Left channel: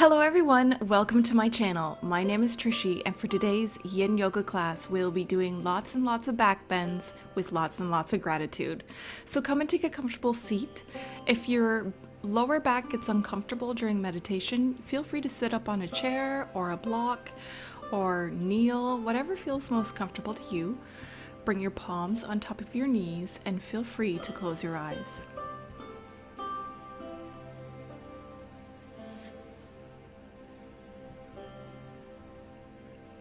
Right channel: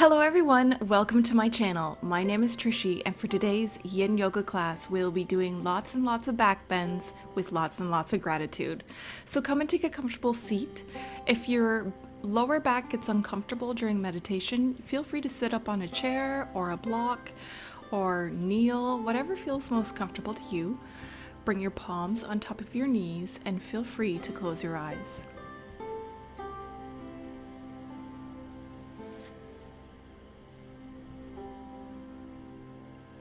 Hello everyone, welcome to my channel. My name is Trishy, and for today's Yin Yoga class, we'll be doing lots and lots of back bends with lots and lots of gratitude. So come and take a comfortable seat. If your lower back gets uncomfortable during meditation, feel free to sit up on a chair or a block or kneel, whatever feels most comfortable to you. Bring your palms on top of your knees and feel free to close your eyes.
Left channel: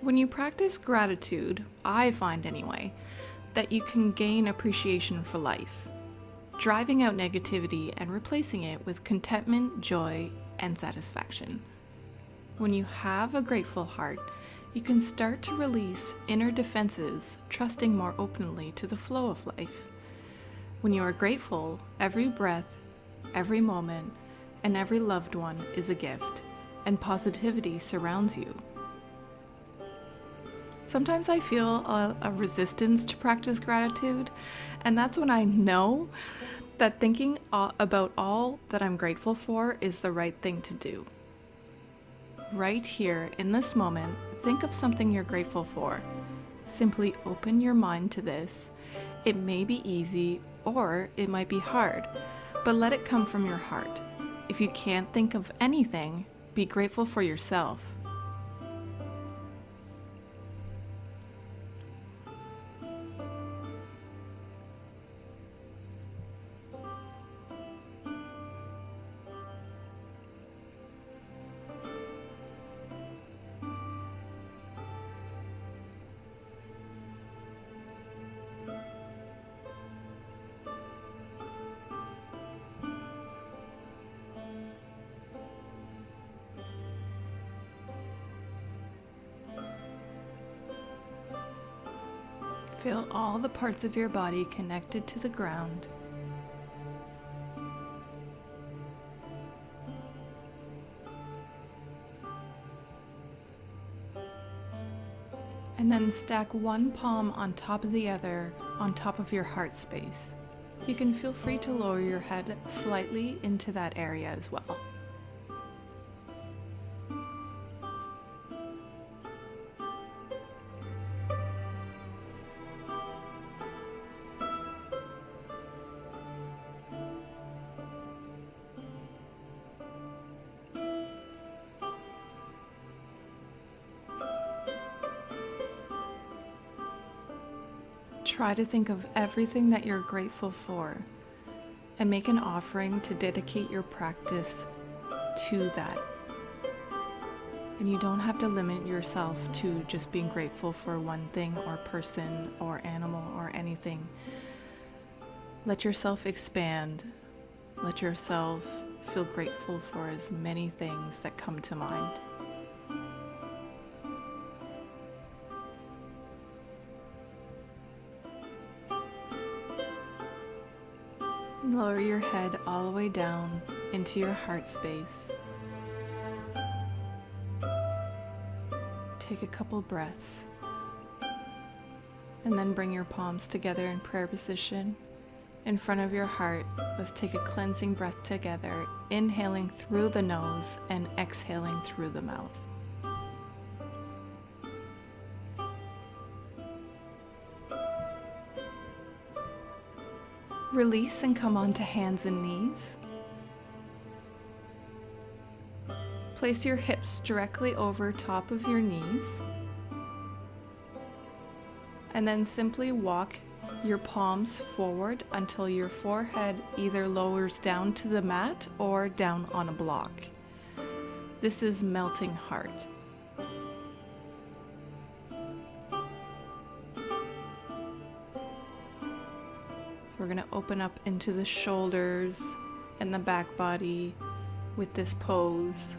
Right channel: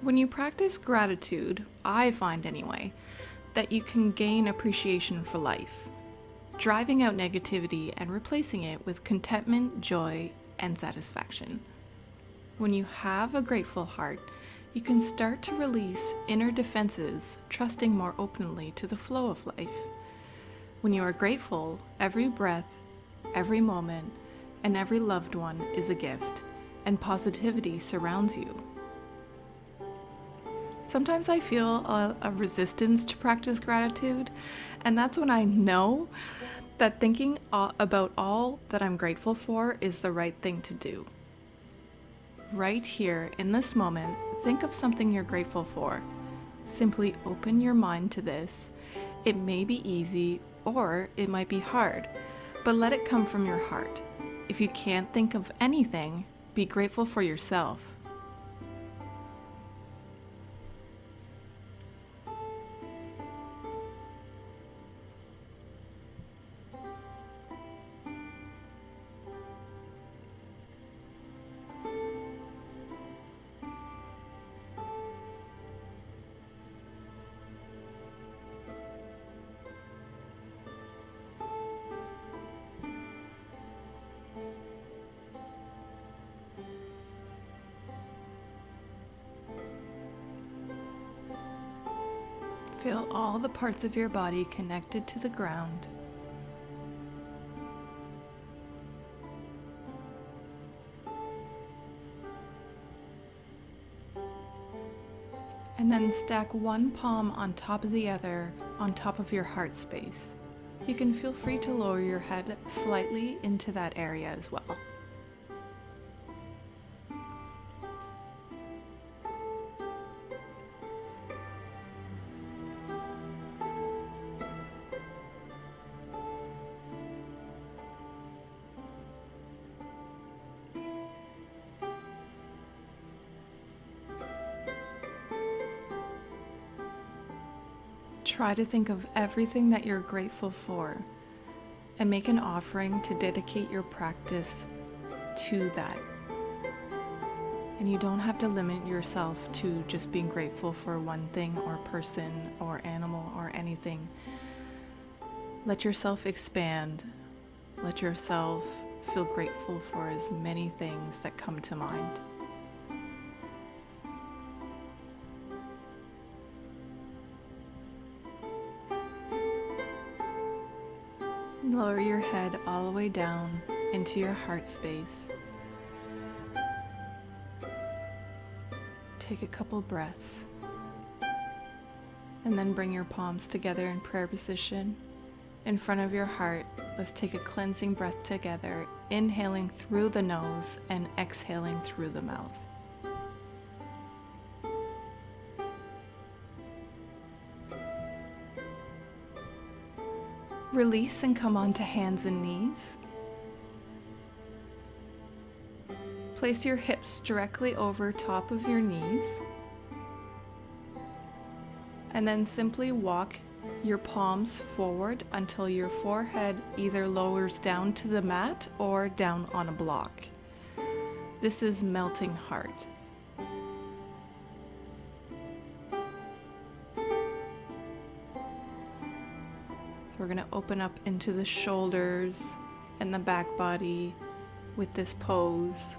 When you practice gratitude, I find anyway, that you can gain appreciation for life, driving out negativity and replacing it with contentment, joy, and satisfaction. When you have a grateful heart, you can start to release inner defenses, trusting more openly to the flow of life. When you are grateful, every breath, every moment, and every loved one is a gift, and positivity surrounds you. Sometimes I feel a resistance to practice gratitude, and that's when I know that thinking about all that I'm grateful for is the right thing to do. Right here, in this moment, think of something you're grateful for. Simply open your mind to this. It may be easy or it might be hard, but let it come from your heart. If you can't think of anything, be grateful for yourself. Feel all the parts of your body connected to the ground. And then stack one palm on top of the other on top of your heart space. You can feel free to lower your head slightly into that area as well. Try to think of everything that you're grateful for and make an offering to dedicate your practice to that. And you don't have to limit yourself to just being grateful for one thing or person or animal or anything. Let yourself expand. Let yourself feel grateful for as many things that come to mind. Lower your head all the way down into your heart space. Take a couple breaths. And then bring your palms together in prayer position. In front of your heart, let's take a cleansing breath together, inhaling through the nose and exhaling through the mouth. Release and come onto hands and knees. Place your hips directly over top of your knees. And then simply walk your palms forward until your forehead either lowers down to the mat or down on a block. This is melting heart. We're going to open up into the shoulders and the back body with this pose.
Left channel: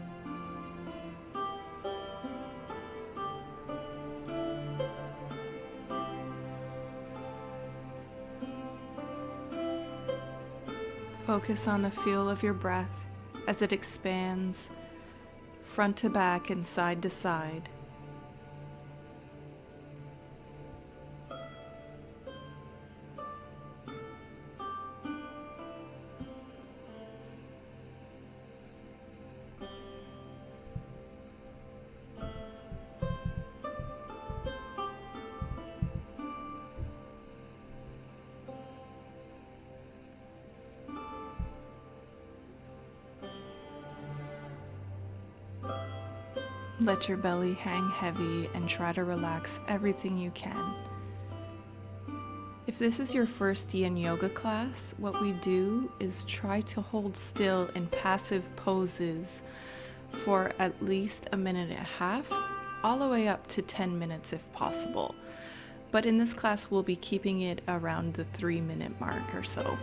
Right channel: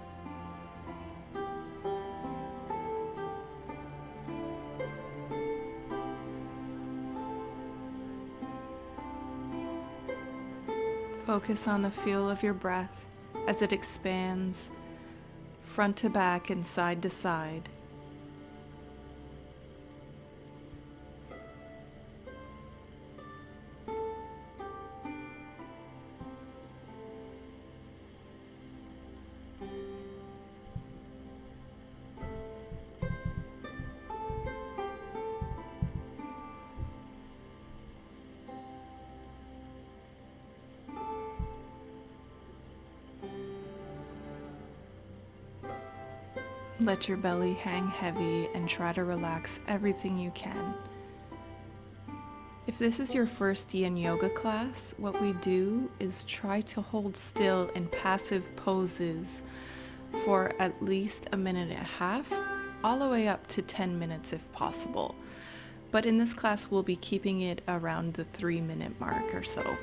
Focus on the feel of your breath as it expands front to back and side to side. Let your belly hang heavy and try to relax everything you can. If this is your first Yin Yoga class, what we do is try to hold still in passive poses for at least a minute and a half, all the way up to 10 minutes if possible. But in this class, we'll be keeping it around the 3-minute mark or so.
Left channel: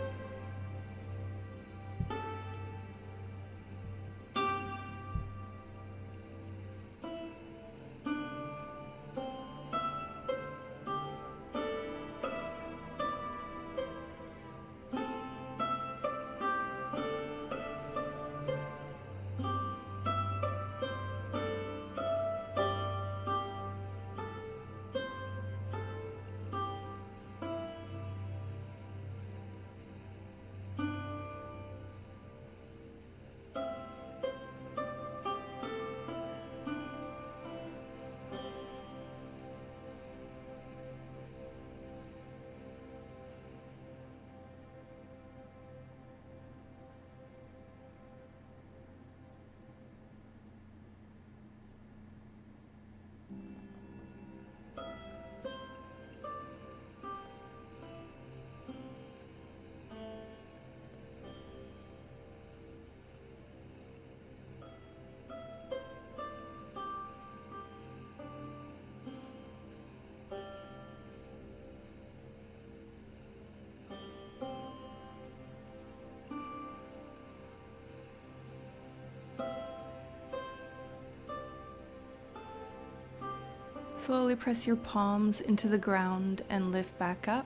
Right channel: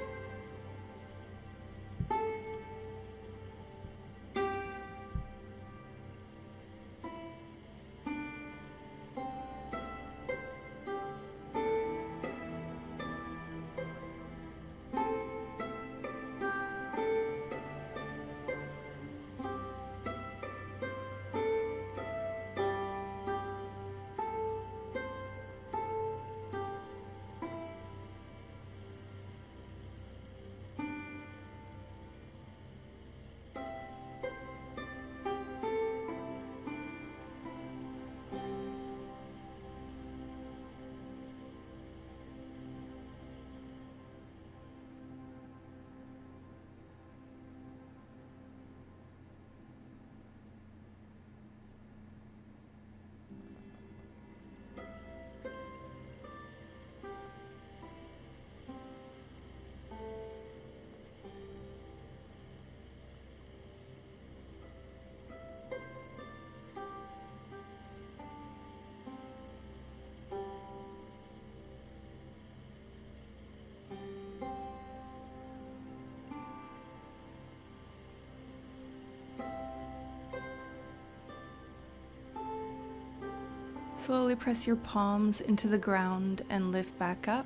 Slowly press your palms into the ground and lift back up.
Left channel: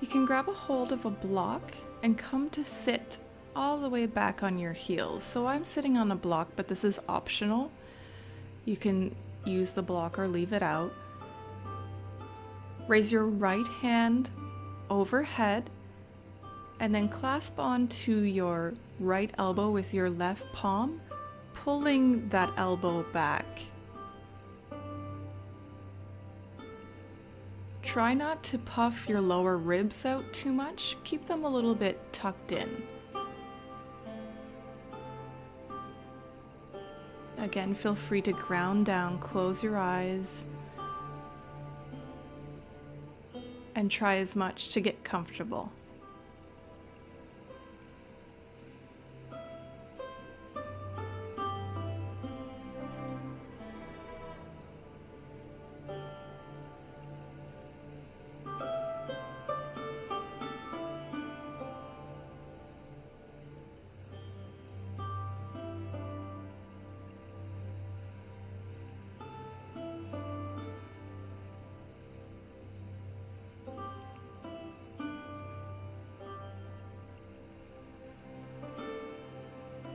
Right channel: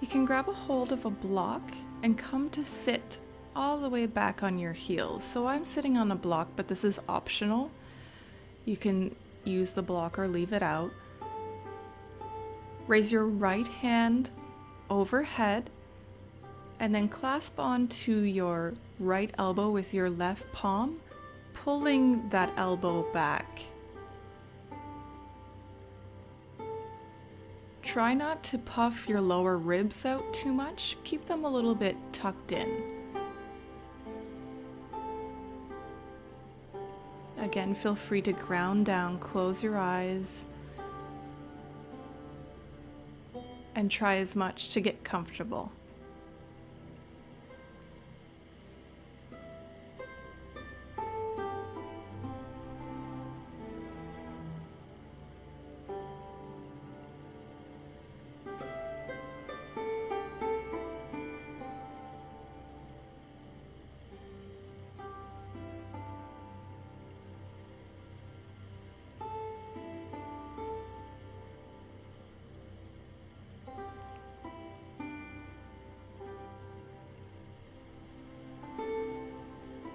You can grab a hold of a block and come to sit all the way back on your heels. So I'm sitting on a block, but this is optional. You can use the block or leave it out. Raise your right hand overhead and then clasp onto your right elbow with your left palm, pulling that elbow back. Try not to puff your lower ribs out too much. Keep them a little bit tucked in. Again, feel free to ground down, close your eyes, and try as much to get comfortable.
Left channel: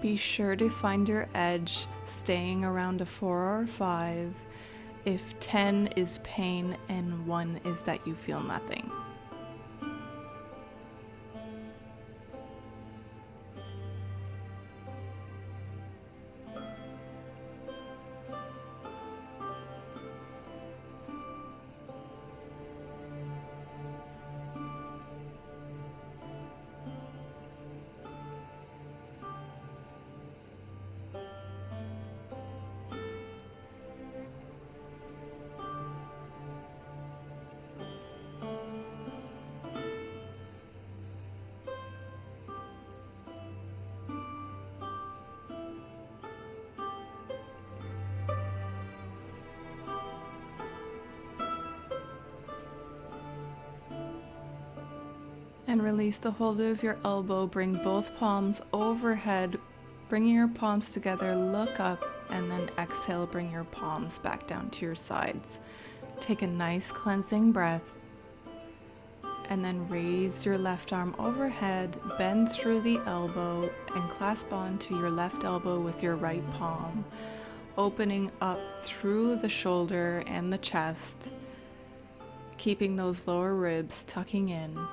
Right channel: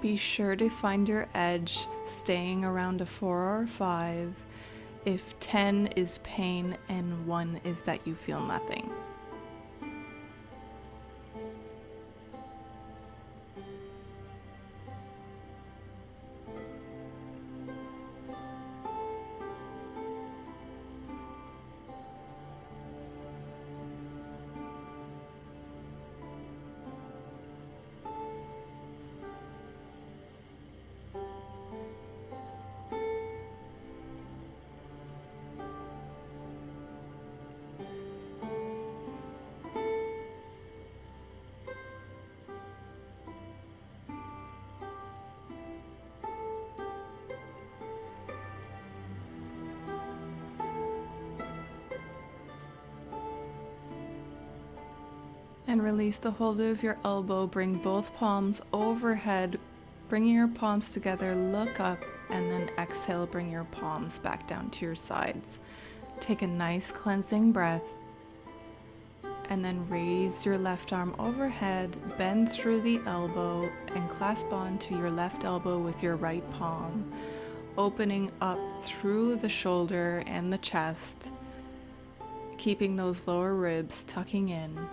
Be sure to find your edge, staying around a 4 or 5 if 10 is pain and 1 is that you feel nothing. And release the hold of your elbow, bring both palms overhead, bringing your palms together, look up, and then exhale, bring your palms back down to your sides. Take a nice cleansing breath, and then raise your left arm overhead, bend through the elbow, and clasp onto your left elbow with your right palm, opening up through the shoulder and the chest, keeping those lower ribs tucking in.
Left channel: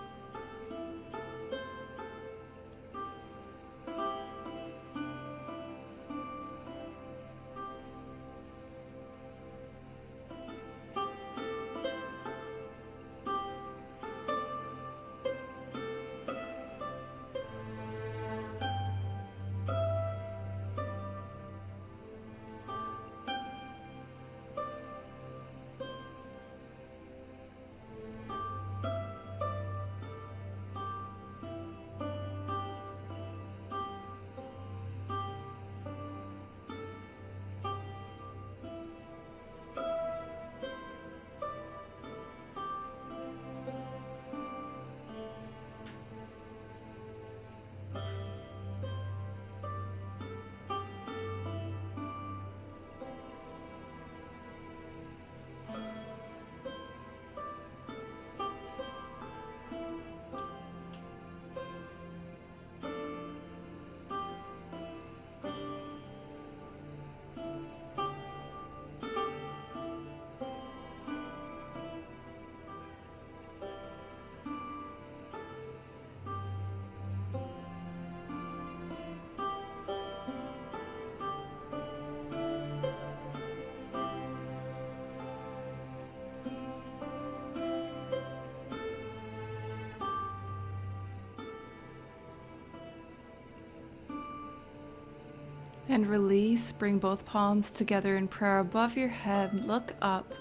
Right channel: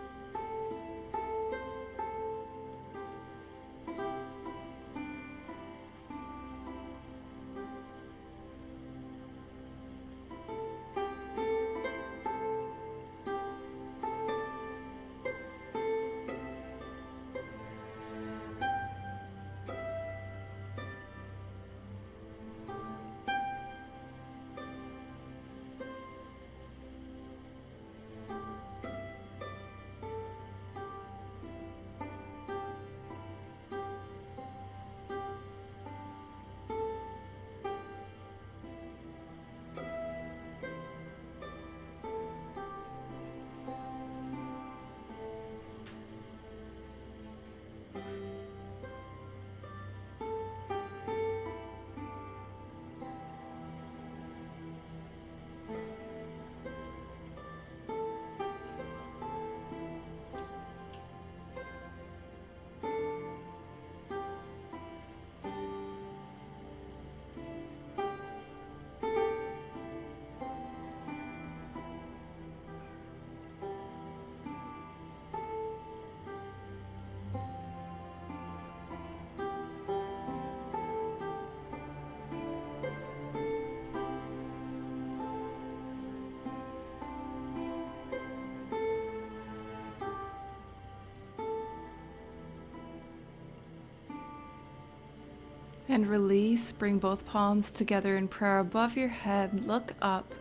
And release. Bring both palms together in prayer above your head. Look up.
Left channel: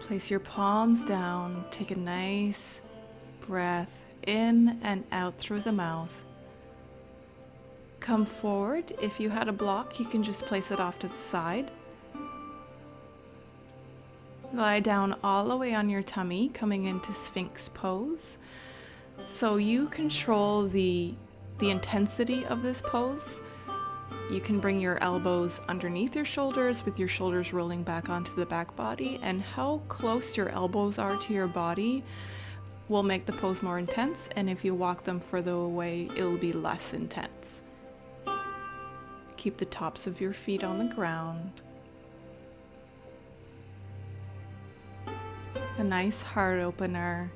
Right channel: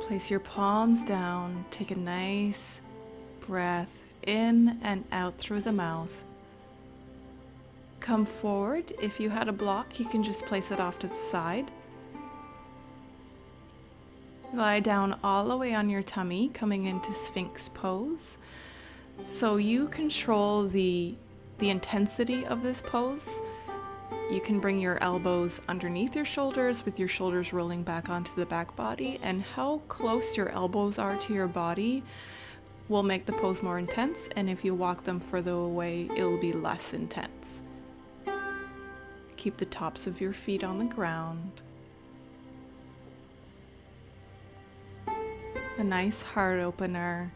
Place your palms down. Take a nice breath in and out through the mouth. Come forward. If you had a block, you can just place it off to the side. Lie down all the way on your tummy, coming into Sphinx pose. So you control the intensity of this pose. You can bring your elbows underneath your shoulders with your shoulders rolling back onto the back body, and how close your elbows are to your body will make the pose more intense, and if you walk them further away, it'll be less intense. Keep the tops of your feet on the ground. A nice heart opener.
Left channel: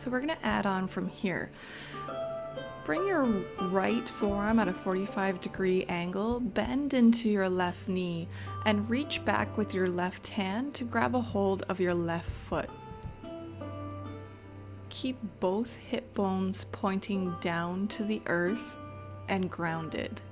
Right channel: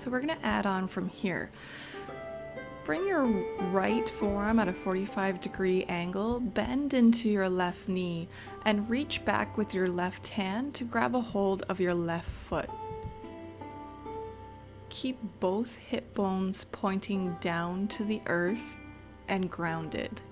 So we're going to add on from here. Bring your right forearm at a 45-degree angle, bend into your left knee, and reach back with your left hand to grab a hold of your left foot. Keep both hip bones pointing down to the earth and grounded.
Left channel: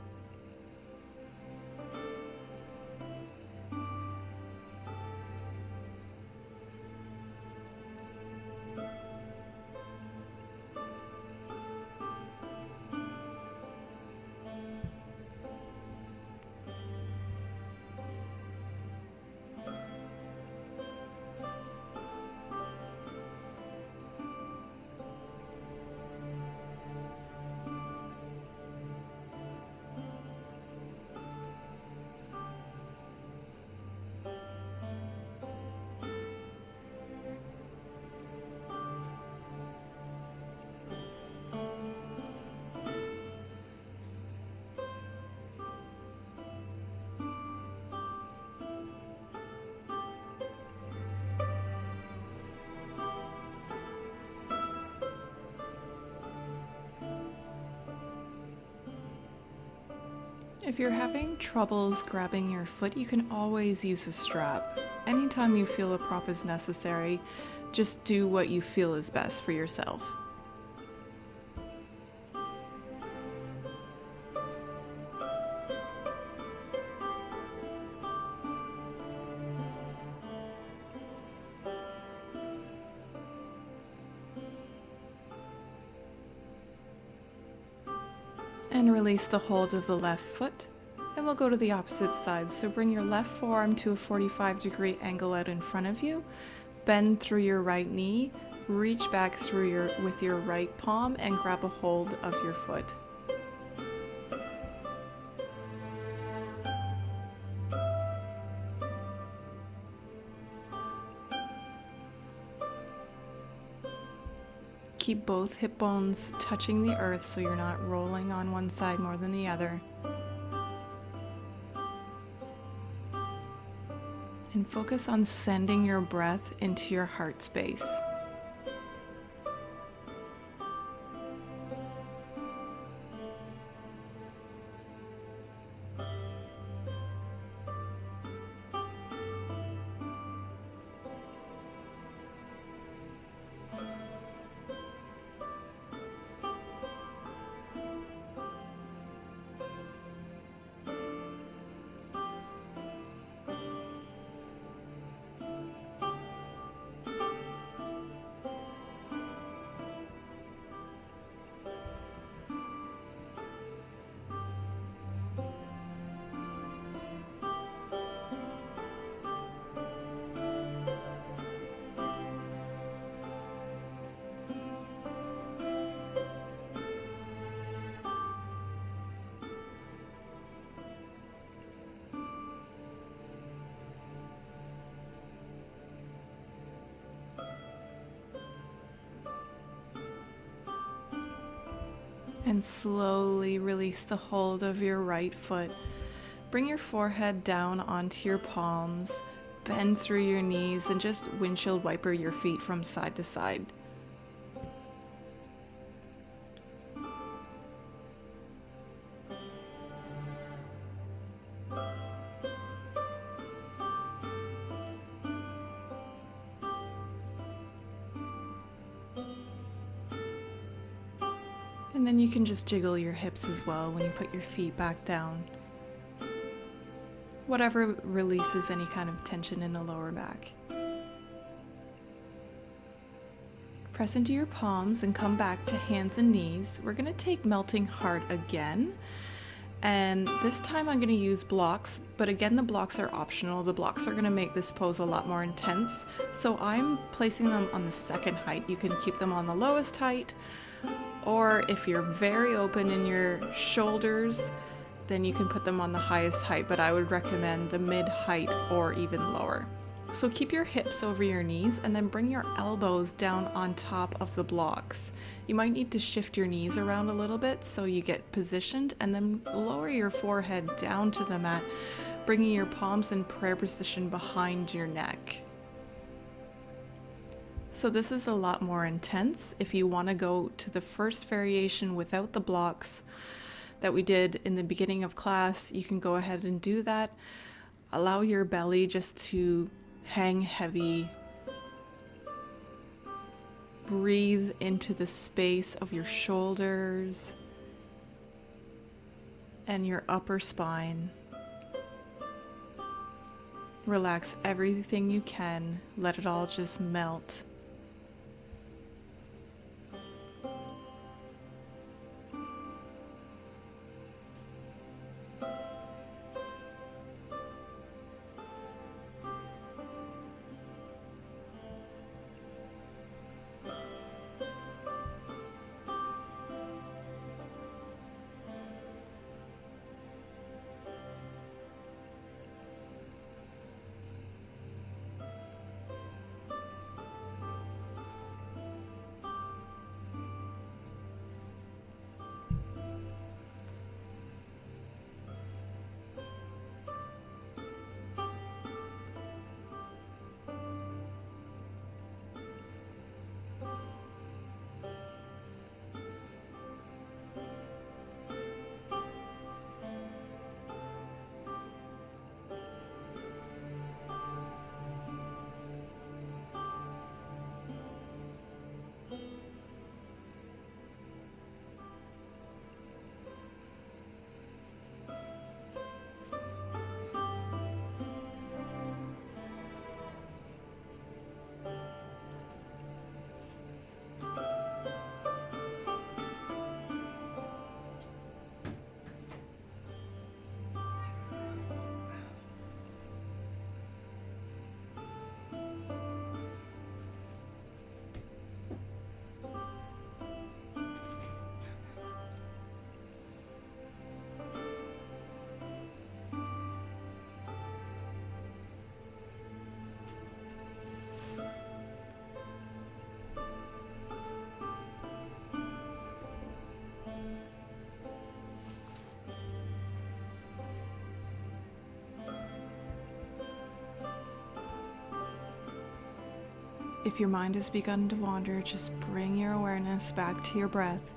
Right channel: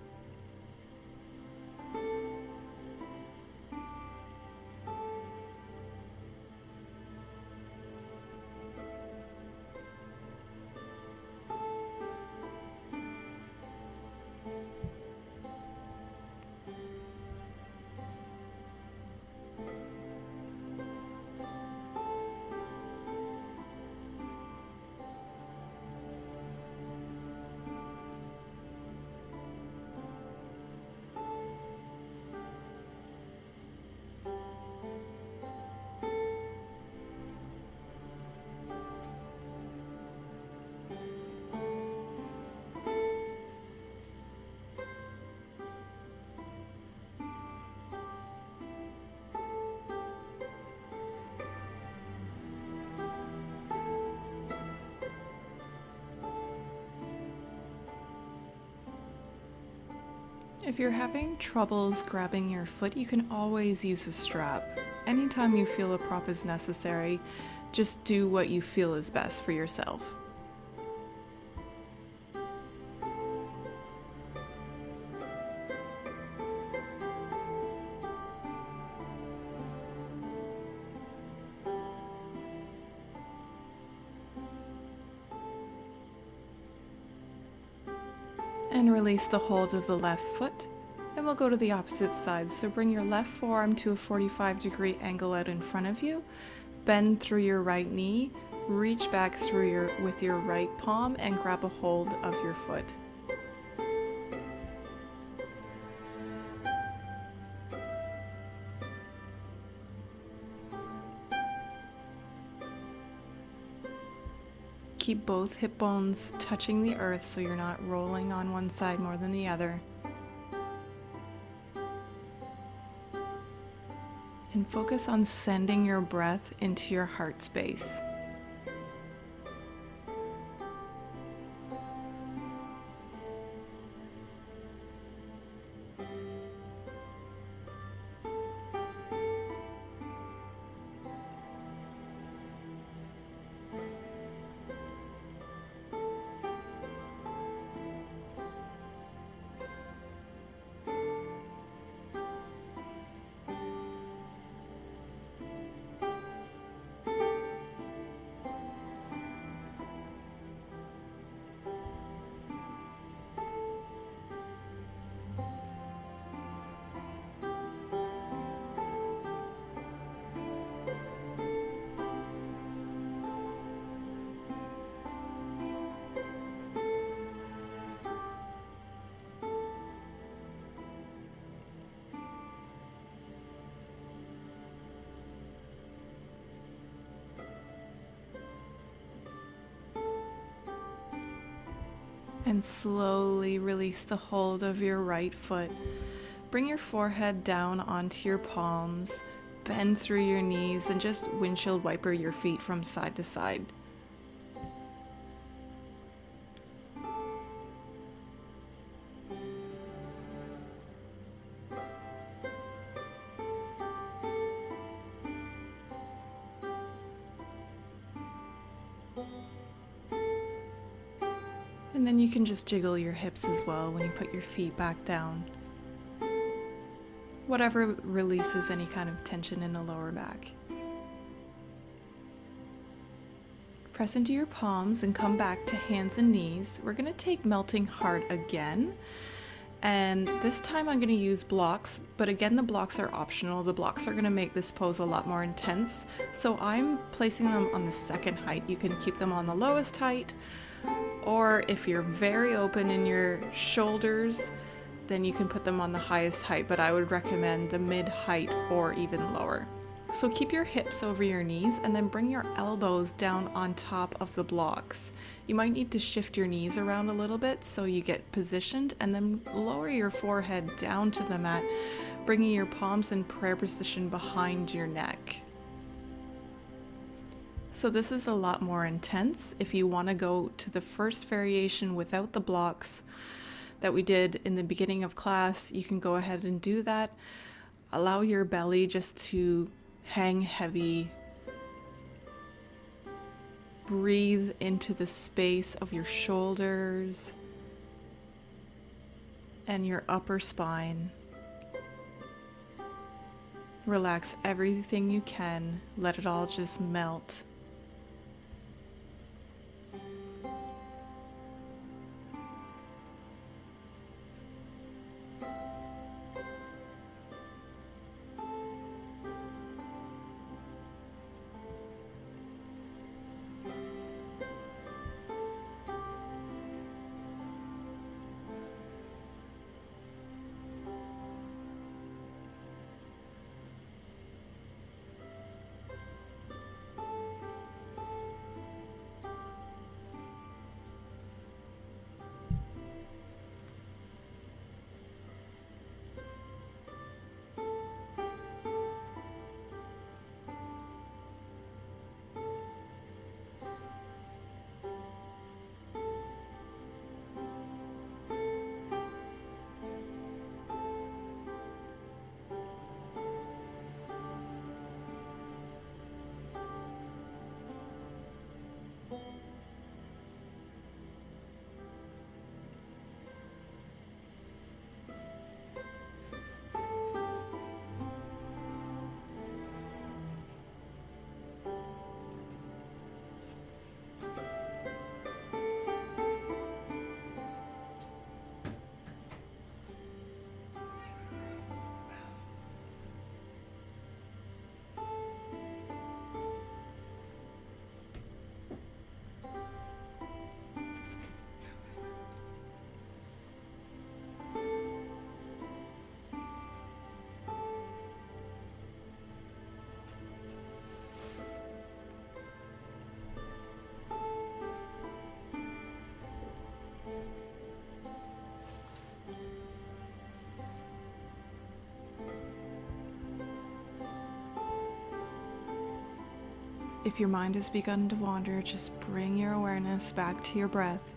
If you're having troubles grabbing your foot, you can always use a strap. Anytime you feel a prop is necessary, just do what you feel is best for yourself. And release the hold of the left foot. And we'll go to the opposite side. So bring your left forearm to a 45-degree angle out in front of you. Bend through your right knee. Reach back through with your right palm and grab a hold of your foot. Keep both hip bones touching the earth so you're not rolling on one side more than the other. And focus on sending your breath into your heart space. And slowly release the hold of your right foot. Bring your forehead down onto your palms, bend through your knees, and just windshield wiper your feet from side to side. And then you can just jiggle your hips as well when you put your feet back down. Whatever releases any kind of tension in the lower back. Press into your palms and come back to hands and knees. We're going to take melting heart again. And this time I'm going to use blocks, but again, the blocks are optional. The blocks are going to make this pose a lot more intense. So I'm placing them on the second height. You can keep them on the lowest height. Or if you're very open in your shoulders, then you can put them on the highest height, but I would recommend the mid height or even lower. So keep your hips over your knees and then bring your elbows down on top of the blocks. You might need to shift your knees around a little bit so you get positioned, and then lower your forehead down to the mat, bringing your palms in prayer position behind your neck. So this is a lot more intense. If you want to go to the first variation without the blocks that we did in the beginning of class, you can go ahead and do that. Allow your belly just to hang heavy. Breathe into the space of your shoulders and your upper spine. Relax everything you can. Let it all just melt. If your mind has begun to wander, just bring your awareness back to your breath.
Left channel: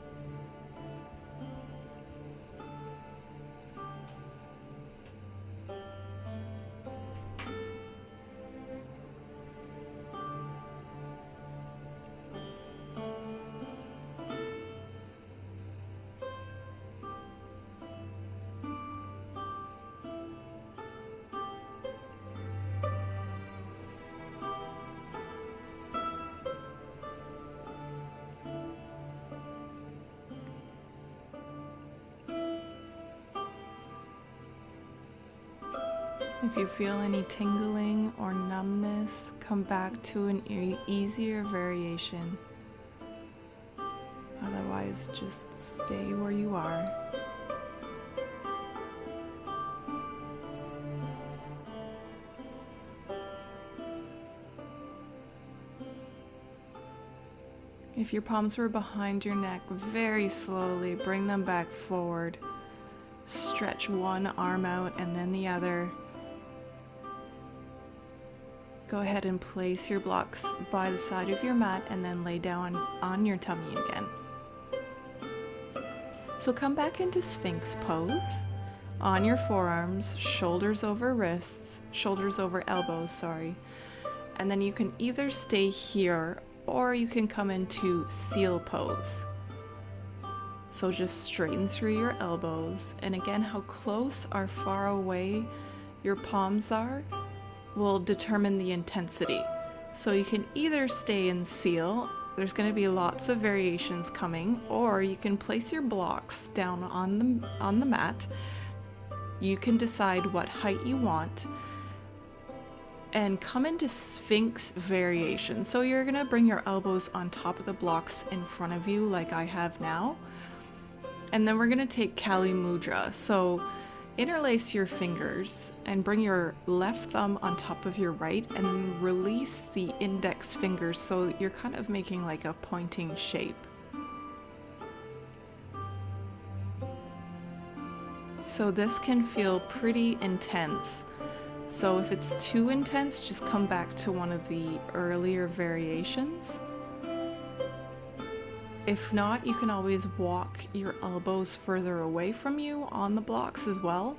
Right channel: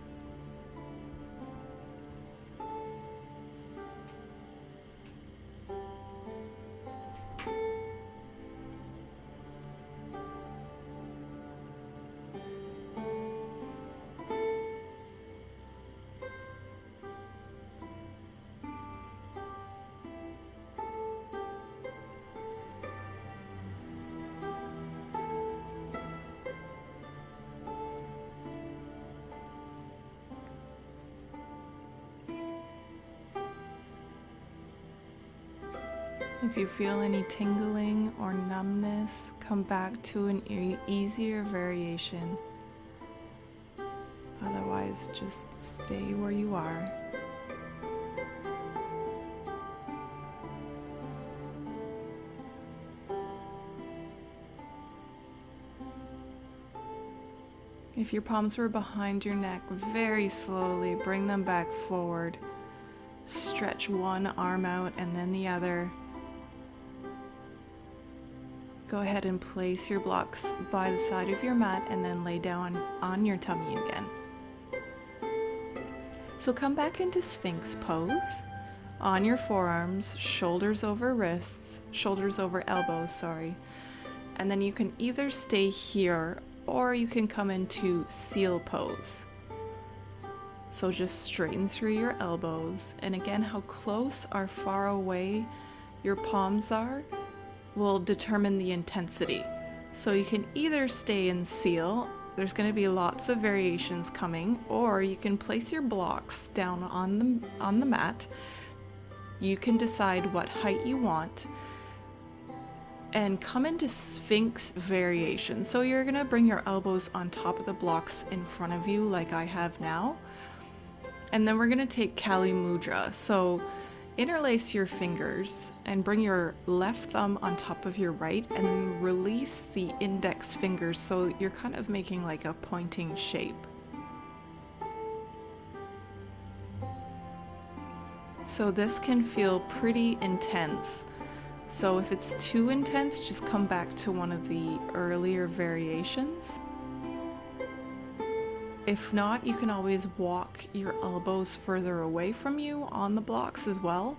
If you feel any tingling or numbness, come back to an easier variation. Otherwise, just stay where you are. If your palms were behind your neck, very slowly bring them back forward. Stretch one arm out and then the other. Go ahead and place your blocks by the side of your mat and then lay down on your tummy again. So come back into Sphinx pose on your forearms, shoulders over wrists, shoulders over elbows, sorry. And then you can either stay here or you can come into seal pose. So just straighten through your elbows. And again, how close or far away your palms are will determine the intensity. So you can either stay in seal, there's going to be lots of variations coming, or you can place your blocks down on the mat. You can decide what height you want and come into Sphinx variation. So you're going to bring your elbows on top of the blocks in front of you like I have now. And then we're going to take Kali Mudra. So interlace your fingers and bring your left thumb on top of your right and then release the index fingers so you're kind of making like a pointing shape. So this can feel pretty intense. So if it's too intense, just come back to one of the earlier variations. If not, you can always walk your elbows further away from you on the blocks as well.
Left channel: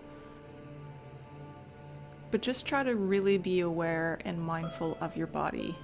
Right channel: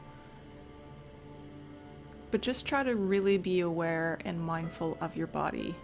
But just try to really be aware and mindful of your body.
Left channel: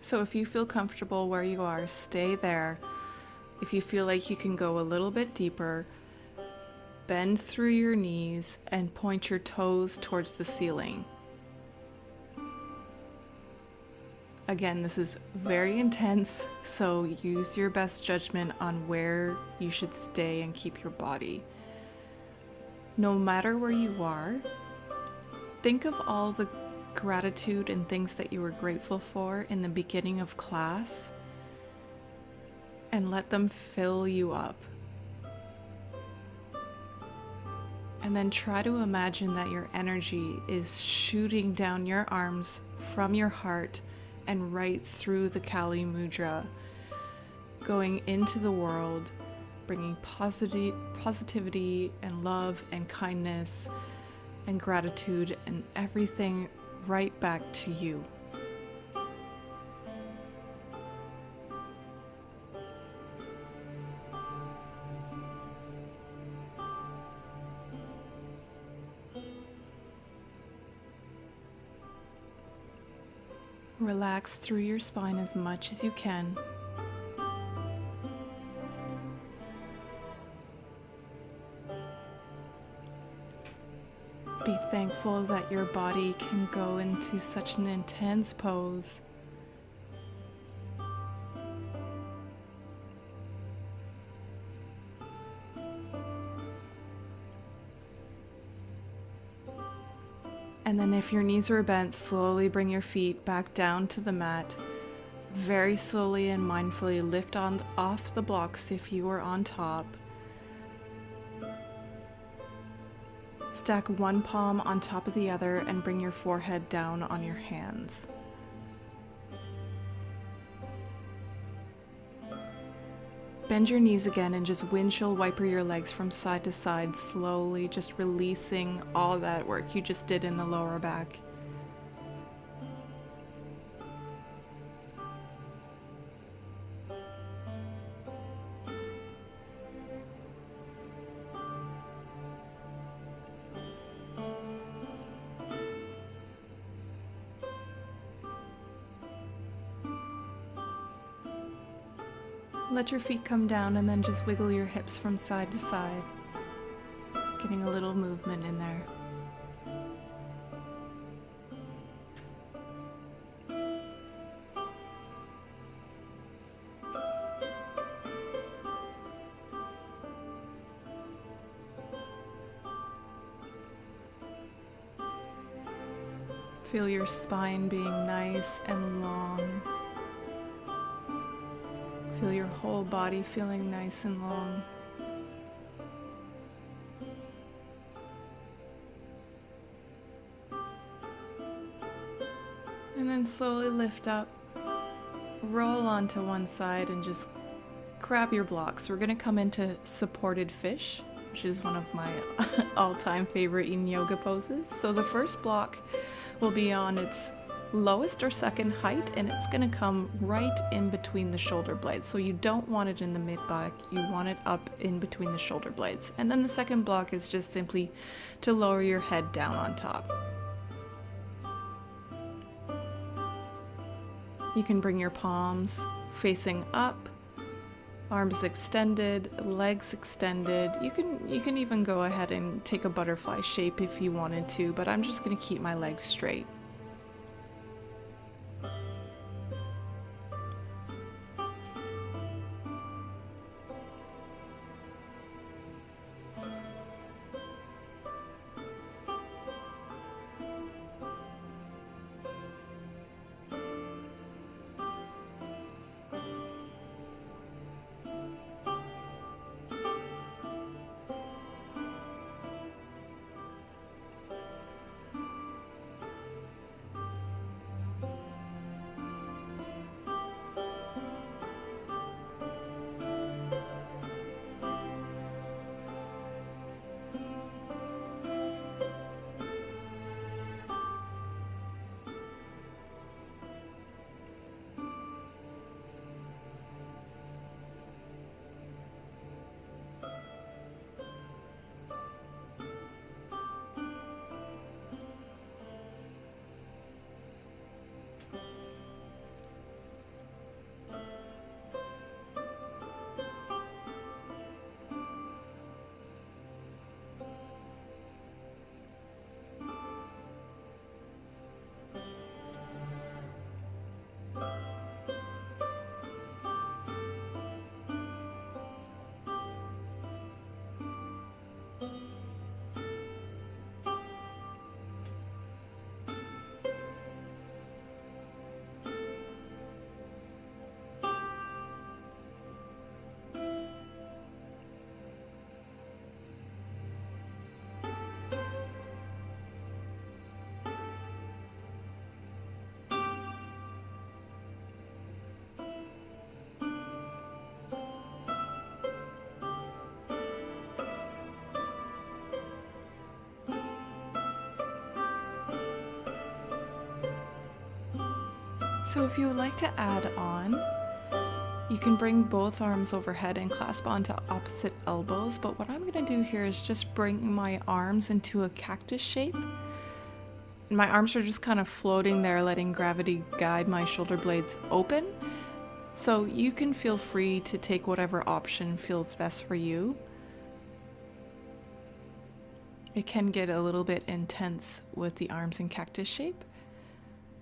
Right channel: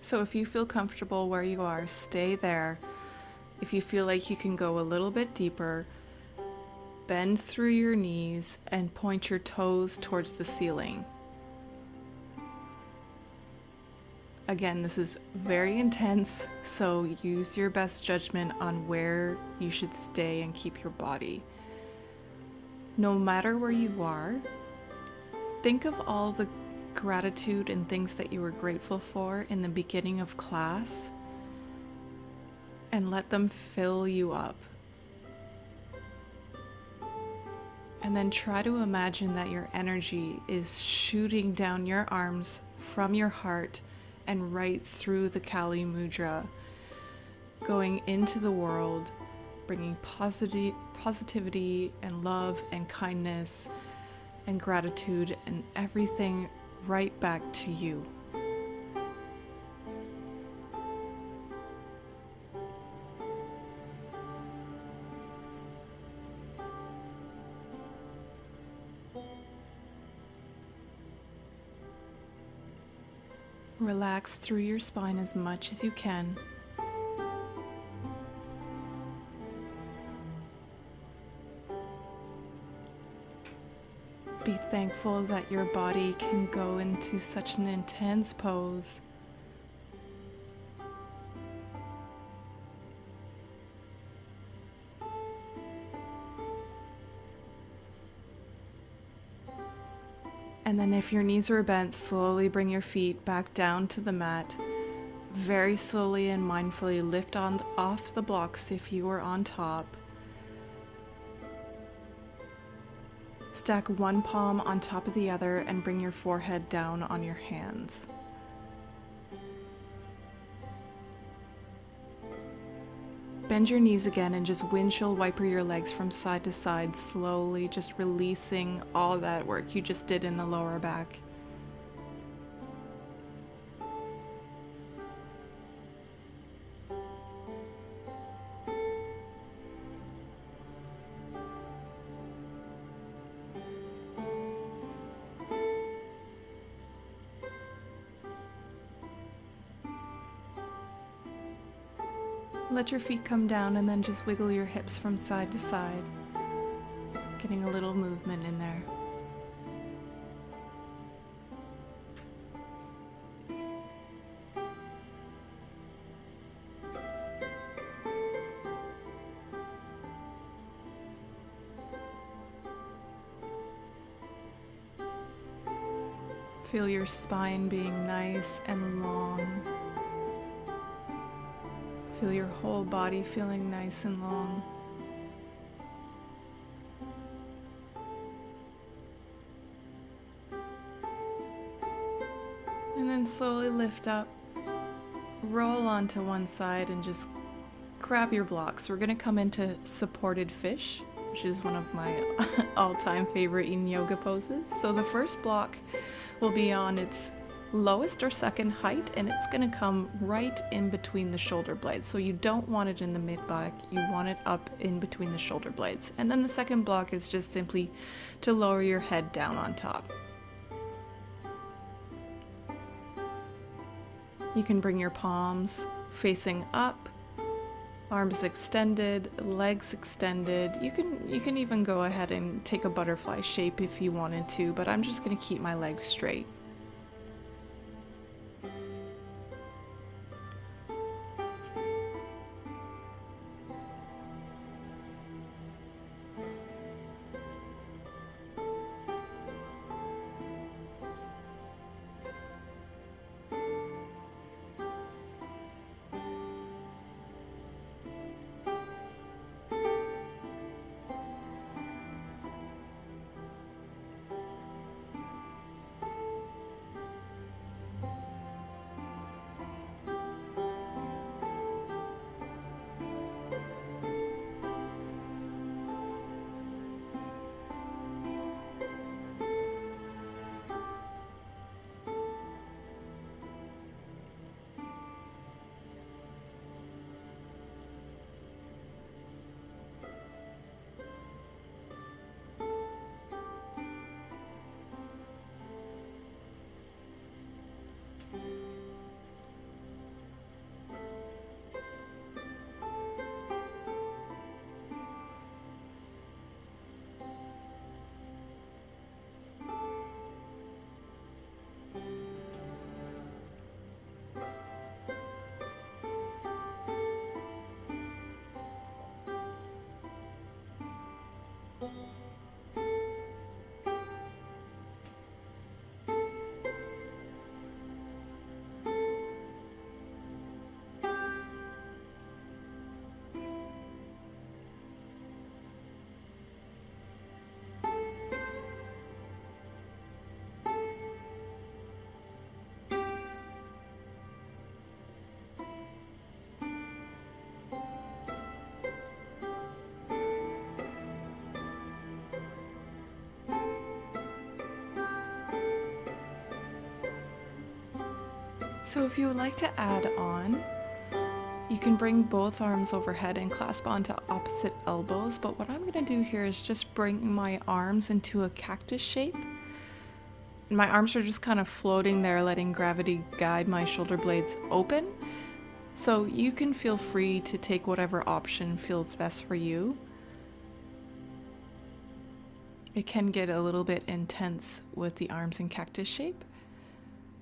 So if you feel comfortable where you are, stay there. If you feel like you can go a little bit deeper, bend through your knees and point your toes towards the ceiling. Again, this is very intense, so use your best judgment on where you should stay and keep your body. No matter where you are, think of all the gratitude and things that you were grateful for in the beginning of class and let them fill you up. And then try to imagine that your energy is shooting down your arms from your heart and right through the Kali Mudra, going into the world, bringing positivity and love and kindness and gratitude and everything right back to you. Relax through your spine as much as you can. Be thankful that your body can go into such an intense pose. And then if your knees are bent, slowly bring your feet back down to the mat. Very slowly and mindfully lift off the blocks if you are on top. Stack one palm on top of the other and bring your forehead down on your hands. Bend your knees again and just windshield wiper your legs from side to side slowly, just releasing all that work you just did in the lower back. Let your feet come down and then just wiggle your hips from side to side, getting a little movement in there. Feel your spine being nice and long. Feel your whole body feeling nice and long. And then slowly lift up, roll onto one side and just grab your blocks. We're going to come into supported fish, which is one of my all-time favorite Yin Yoga poses. So the first block will be on its lowest or second height, and it's going to come right in between the shoulder blades. So you don't want it in the mid back, you want it up in between the shoulder blades. And then the second block is just simply to lower your head down on top. You can bring your palms facing up, arms extended, legs extended. You can even go ahead and take a butterfly shape if you wanted to, but I'm just going to keep my legs straight. So if you would like to add on, you can bring both arms overhead and clasp onto opposite elbows, but what I'm going to do here is just bring my arms into a cactus shape. And my arms are just kind of floating there, letting gravity guide my shoulder blades open. So you can feel free to take whatever option feels best for you. It can get a little bit intense with the arms in cactus shape,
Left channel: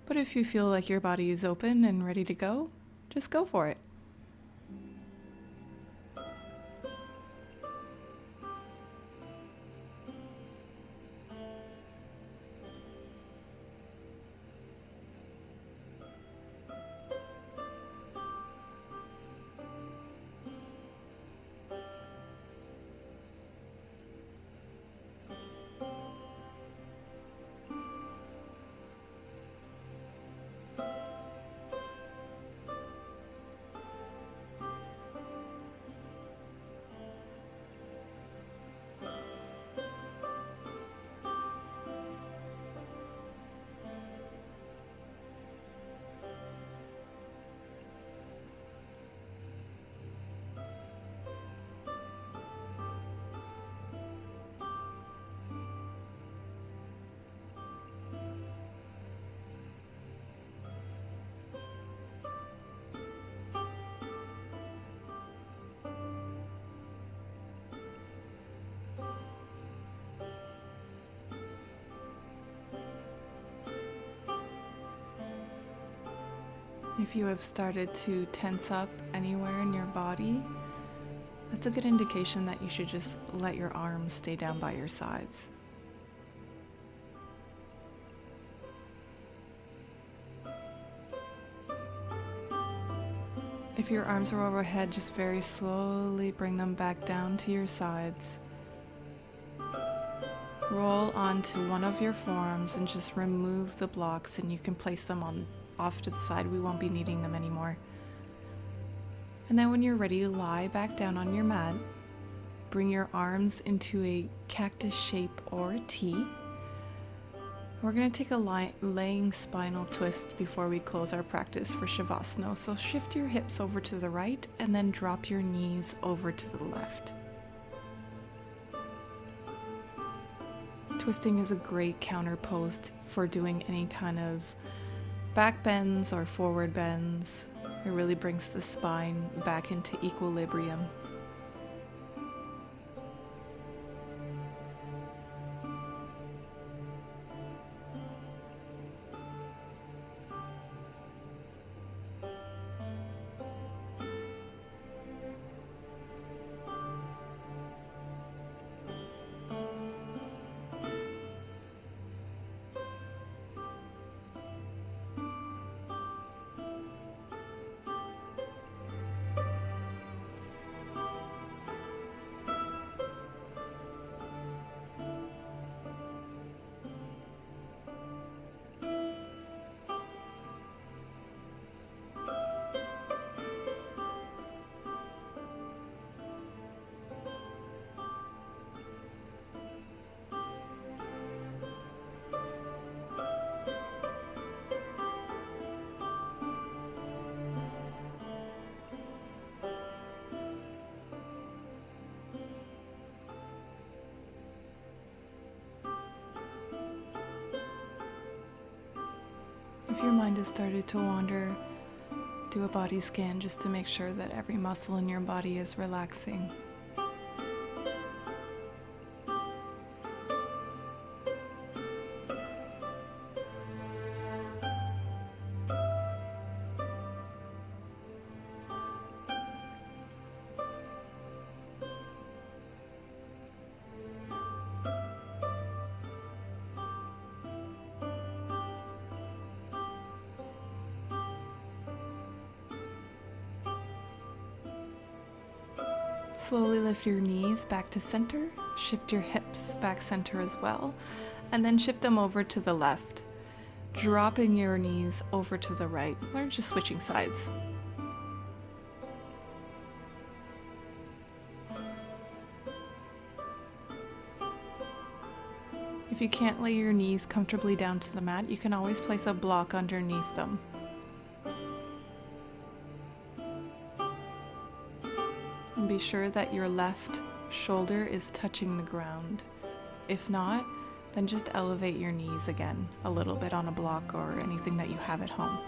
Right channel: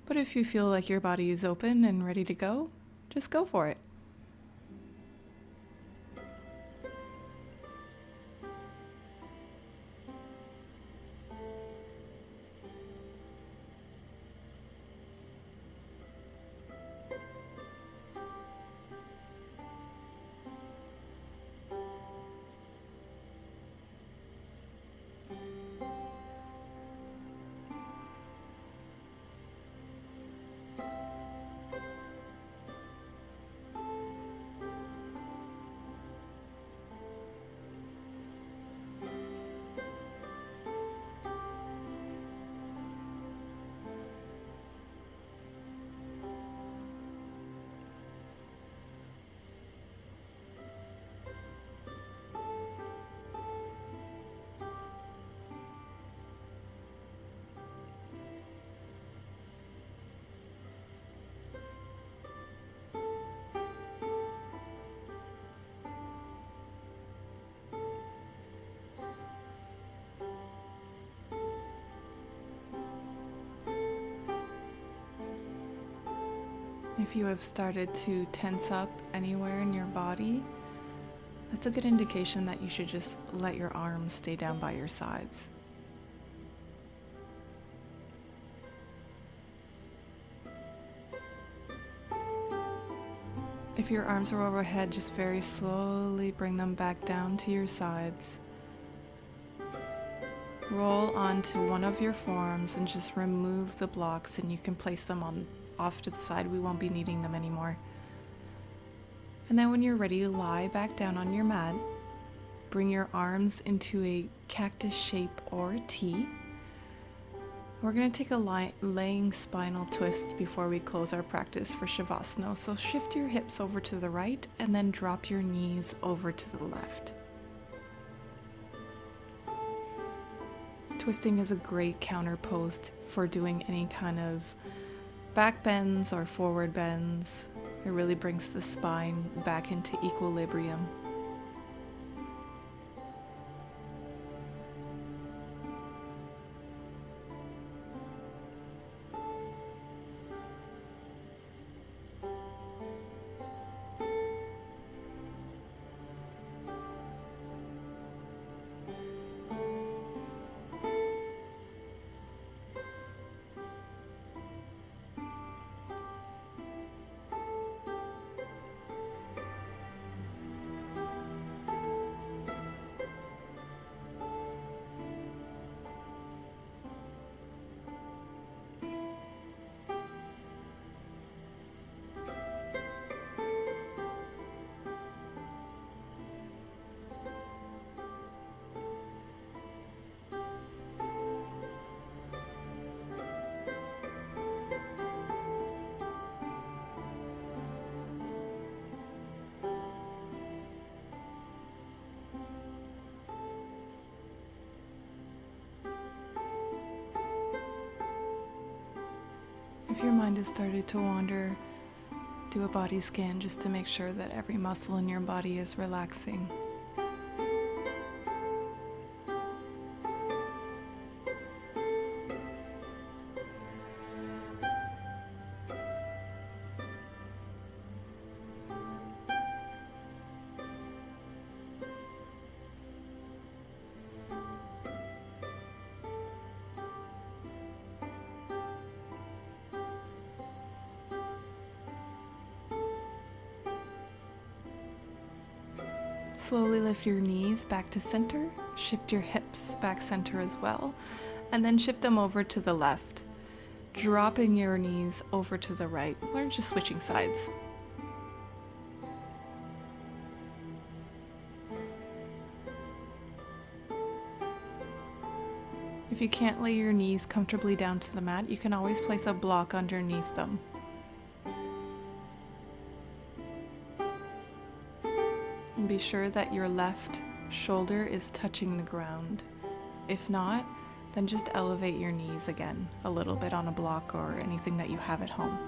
but if you feel like your body is open and ready to go, just go for it. If you have started to tense up anywhere in your body, that's a good indication that you should just let your arms stay down by your sides. If your arms are overhead, just very slowly bring them back down to your sides. Roll onto one of your forearms and just remove the blocks, and you can place them off to the side. We won't be needing them anymore. And then when you're ready, lie back down on your mat. Bring your arms into a cactus shape or a T. We're going to take a laying spinal twist before we close our practice for Shavasana. So shift your hips over to the right and then drop your knees over to the left. Twisting is a great counter pose for doing any kind of back bends or forward bends. It really brings the spine back into equilibrium. If your mind has started to wander, do a body scan just to make sure that every muscle in your body is relaxing. Slowly lift your knees back to center, shift your hips back center as well, and then shift them over to the left, dropping your knees over to the right. We're just switching sides. If you can't lay your knees comfortably down to the mat, you can always place a block underneath them. And be sure that your left shoulder is touching the ground. If not, then just elevate your knees again a little bit on a block or anything that you have at home.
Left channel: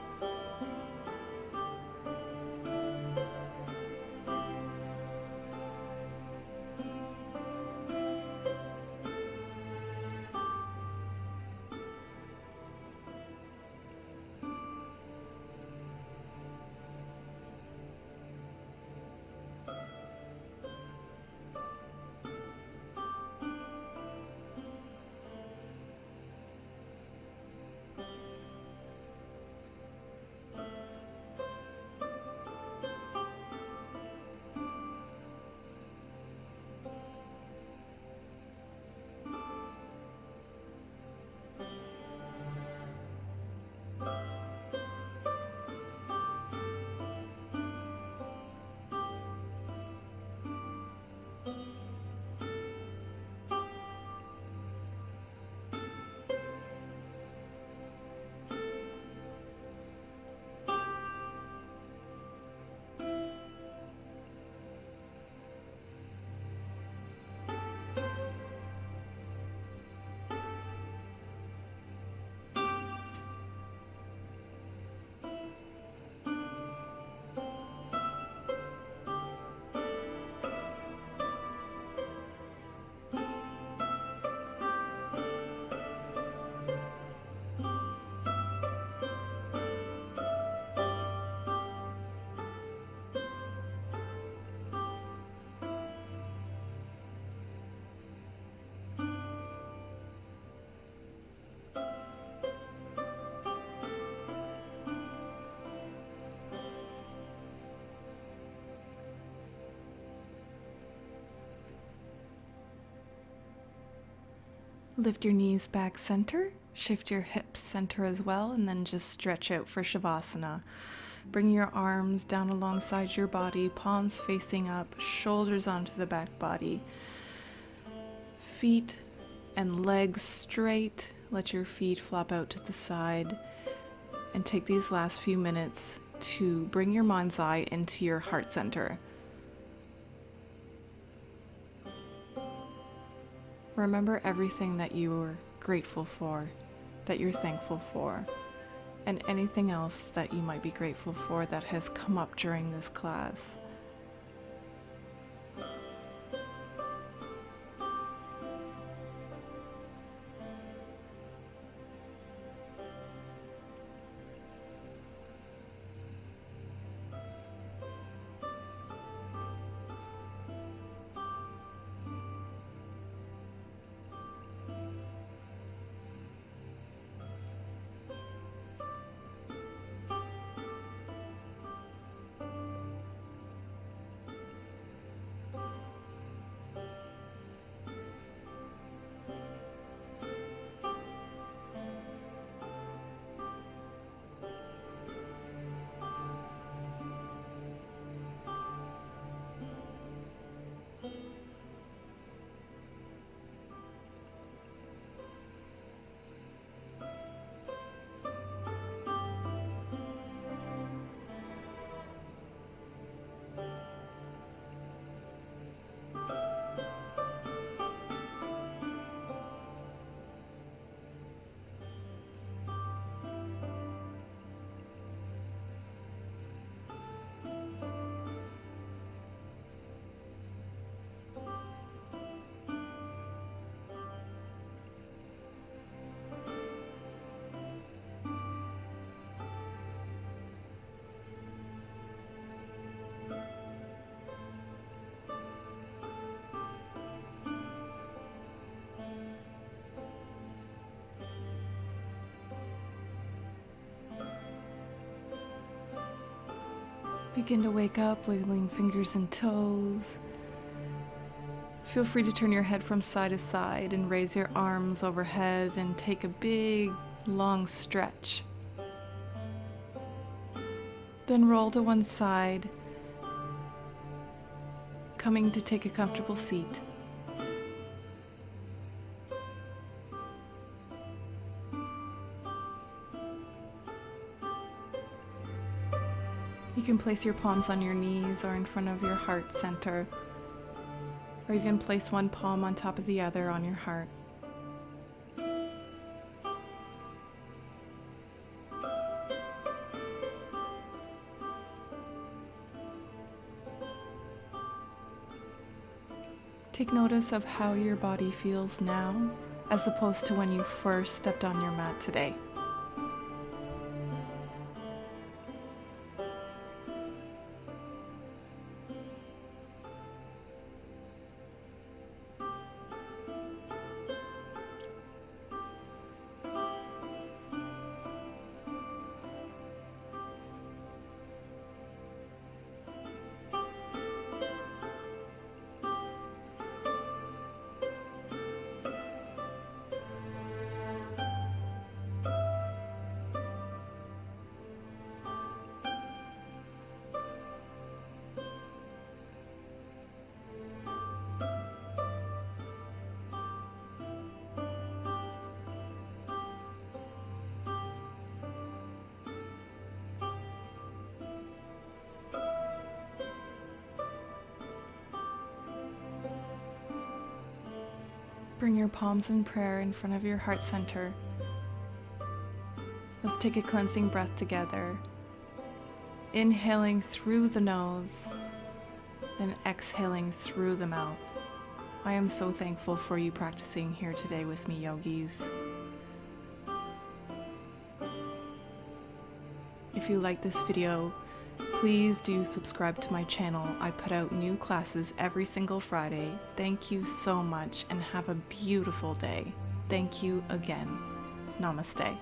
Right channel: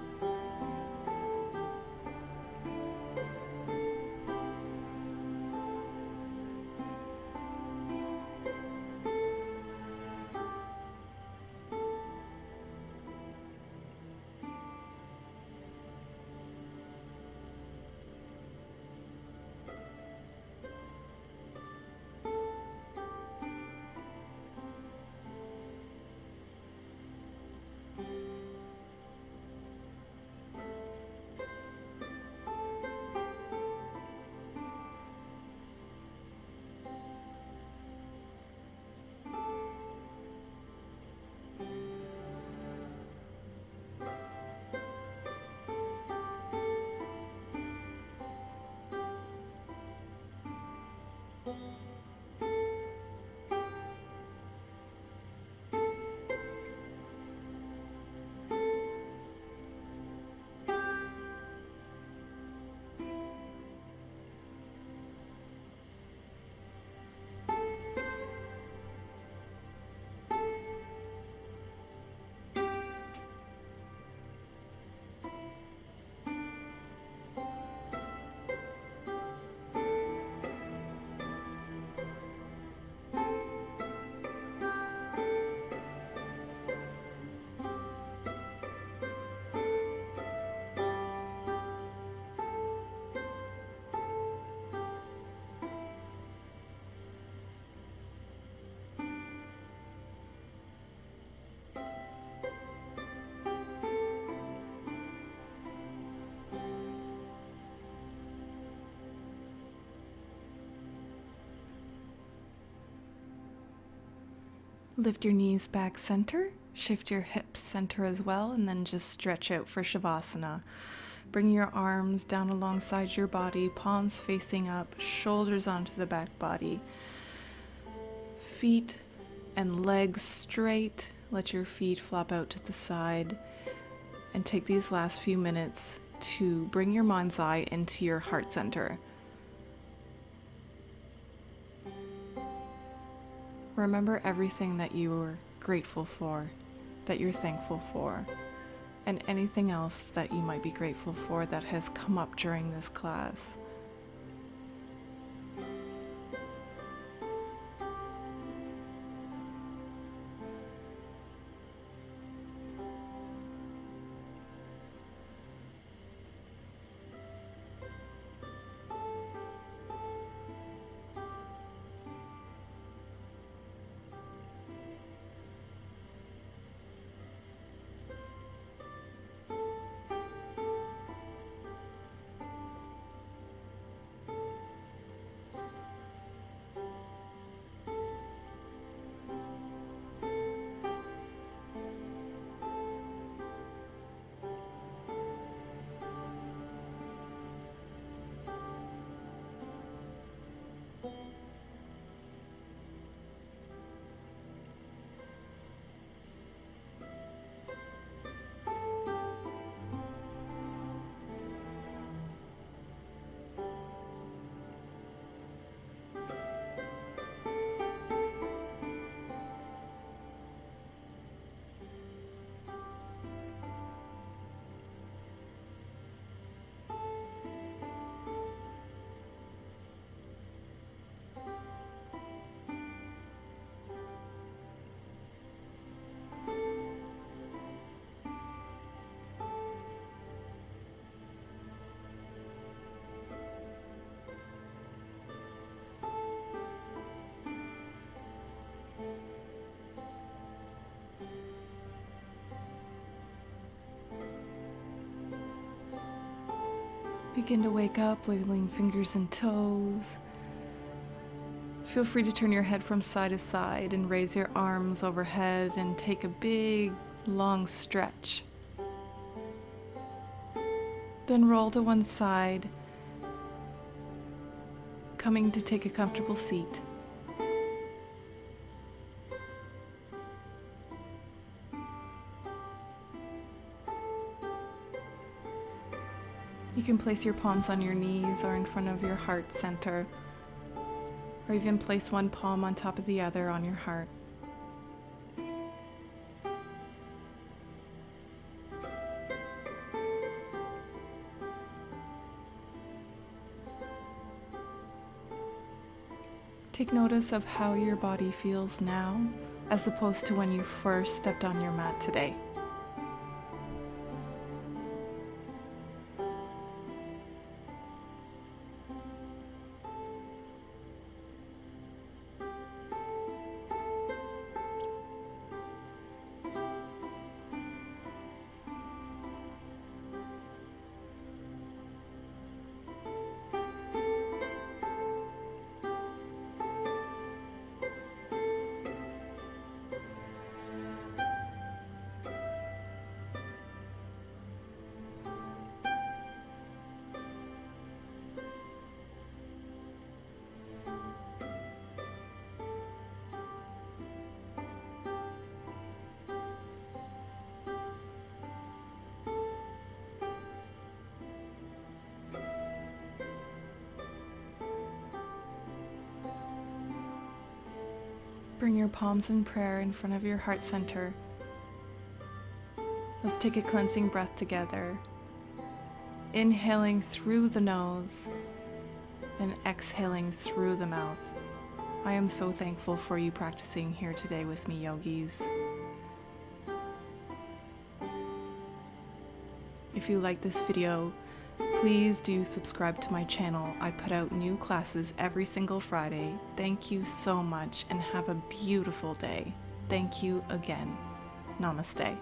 Lift your knees back center, shift your hips center as well, and then just stretch out for Shavasana. Bring your arms down alongside your body, palms facing up, shoulders onto the back body. Feet and legs straight. Let your feet flop out to the side. And take these last few minutes to bring your mind's eye into your heart center. Remember everything that you are grateful for, that you're thankful for, and anything else that you might be grateful for that has come up during this class. Begin to wake up, wiggling fingers and toes. Feel free to turn your head from side to side and raise your arms overhead and take a big, long stretch. Then roll to one side, coming to take a comfortable seat. You can place your palms on your knees or in front of your heart center, or even place one palm on top of the other on your heart. Take notice of how your body feels now, as opposed to when you first stepped on your mat today. Bring your palms in prayer in front of your heart center. Let's take a cleansing breath together. Inhaling through the nose and exhaling through the mouth. I am so thankful for you practicing here today with me, yogis. If you like this video, please do subscribe to my channel. I put out new classes every single Friday. Thank you so much and have a beautiful day. Thank you again. Namaste.